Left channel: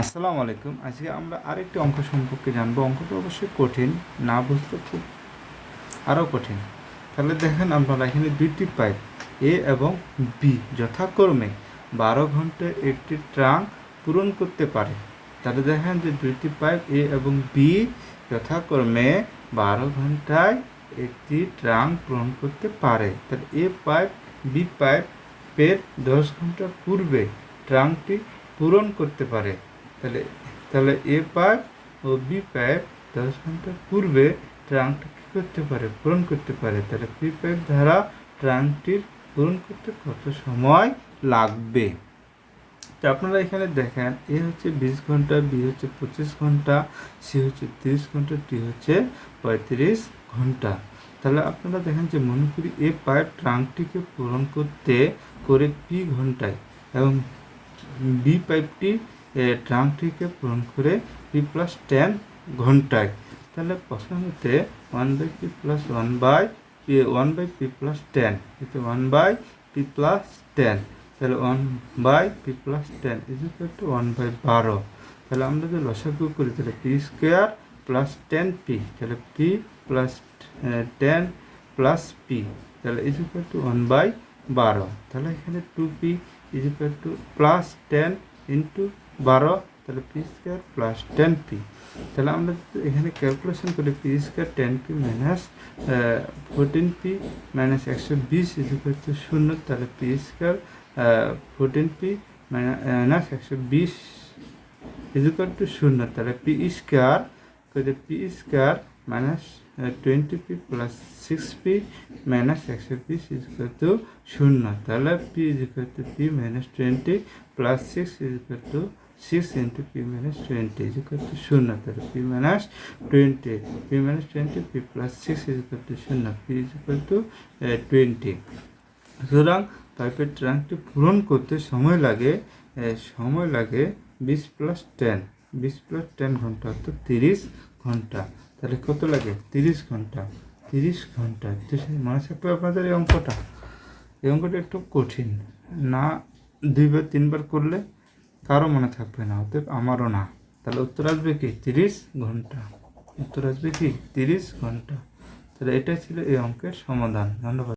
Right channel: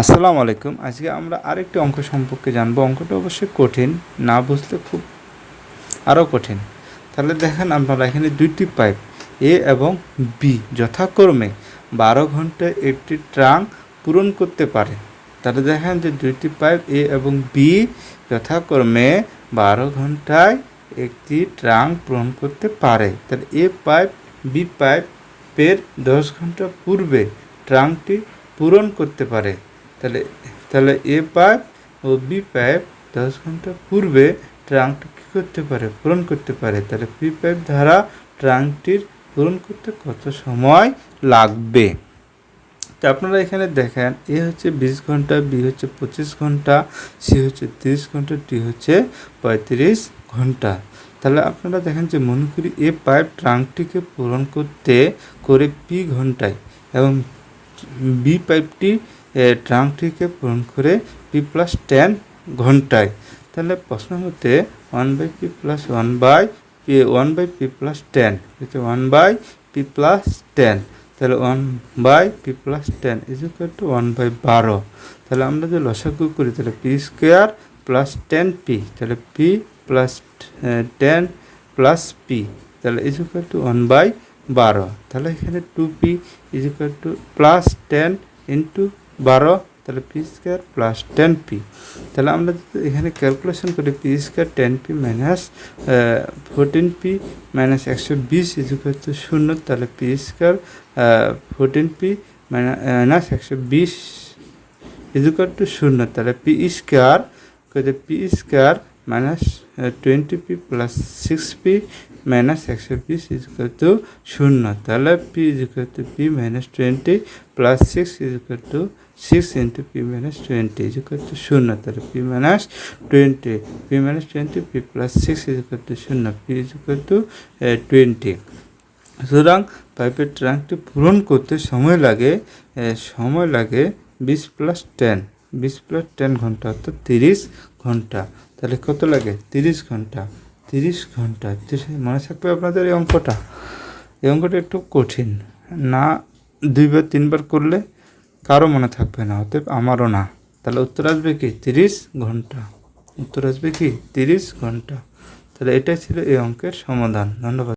আসসালামু আলাইকুম। আজকে আমরা আরেকটি অঙ্ক সম্পর্কে জানবো। অঙ্কটা অবশ্যই কঠিন, না বুঝলে খুব আরও কঠিন। তাহলে দেখেন আপনারা এখানে দুইটি পাইপ এ এবং বি যথাক্রমে 12 ঘন্টায় একটি ট্রাঙ্ক পূরণ করতে পারে। তাহলে দেখেন যে দুইটি পাইপ এ এবং বি যথাক্রমে 12 ঘন্টায় একটি ট্রাঙ্ক পূরণ করতে পারে। তাহলে এ পাইপ বি পাইপের 10 ঘন্টা পূর্বে ট্রাঙ্কটি পূরণ করতে পারে। তাহলে তাহলে এ পাইপ ও বি পাইপ 10 ঘন্টা পূর্বে ট্রাঙ্কটি কী করতে পারে, পূরণ করতে পারে। তাহলে বি পাইপ দ্বারা ট্রাঙ্কটির পূরণ করতে কত সময় লাগবে। তো আপনারা এখানে দেখেন, এ হচ্ছে 20 ঘন্টা, বি হচ্ছে 25 ঘন্টা, সি হচ্ছে 30 ঘন্টা, ডি হচ্ছে 35 ঘন্টা। তাহলে আপনারা দেখেন যে মনে করি এ পাইপ ট্রাঙ্কটিকে পূরণ করতে করে পি ঘন্টায় এবং বি পাইপটি ট্রাঙ্কটিকে পূরণ করে পি প্লাস 10 ঘন্টায়। তাহলে প্রশ্ন হতে 1/p প্লাস 1/p প্লাস 10 হচ্ছে 1/p প্লাস 10। তাহলে 1/p plus 10 is equal to 1/12। তাহলে আমরা যদি লসাগু করি তাহলে পি স্কোয়ার প্লাস 10p, তাহলে পি প্লাস 10 প্লাস পি, তাহলে ইজ ইকুয়াল টু 1/12। তাহলে এখানে 2p is equal to plus 10 into 12, তাহলে পি স্কোয়ার প্লাস 10p। তাহলে আমরা যদি এখানে ক্যালকুলেশন করি P square 10p minus 14p minus 120 is equal to 0, তাহলে P square 14p minus 120 is equal to 0। তাহলে P square minus 20p plus 6p minus 120 is equal to 0। তাহলে P is equal to P minus 20 plus 6 is equal to 6 into P minus 20 is equal to 0। তাহলে P minus 20 P plus 6 is equal to 0, P is equal to 20। সুতরাং পাইপের ট্রাঙ্কটি পূরণ করতে সময় লাগে 20 plus 10 ঘন্টা, অর্থাৎ 30 ঘন্টা। তাহলে কত লাগে? 30 ঘন্টা। মনে থাকবে আপনাদের এই অঙ্কটা একটু কঠিন, না 2বার 3বার করলে কারো মনে থাকবে না, অতএব আমারও না। তাহলে উত্তর আসবে কি 30 ঘন্টা। তাহলে এটাই ছিল এই অঙ্কের সমাধান। ধন্যবাদ।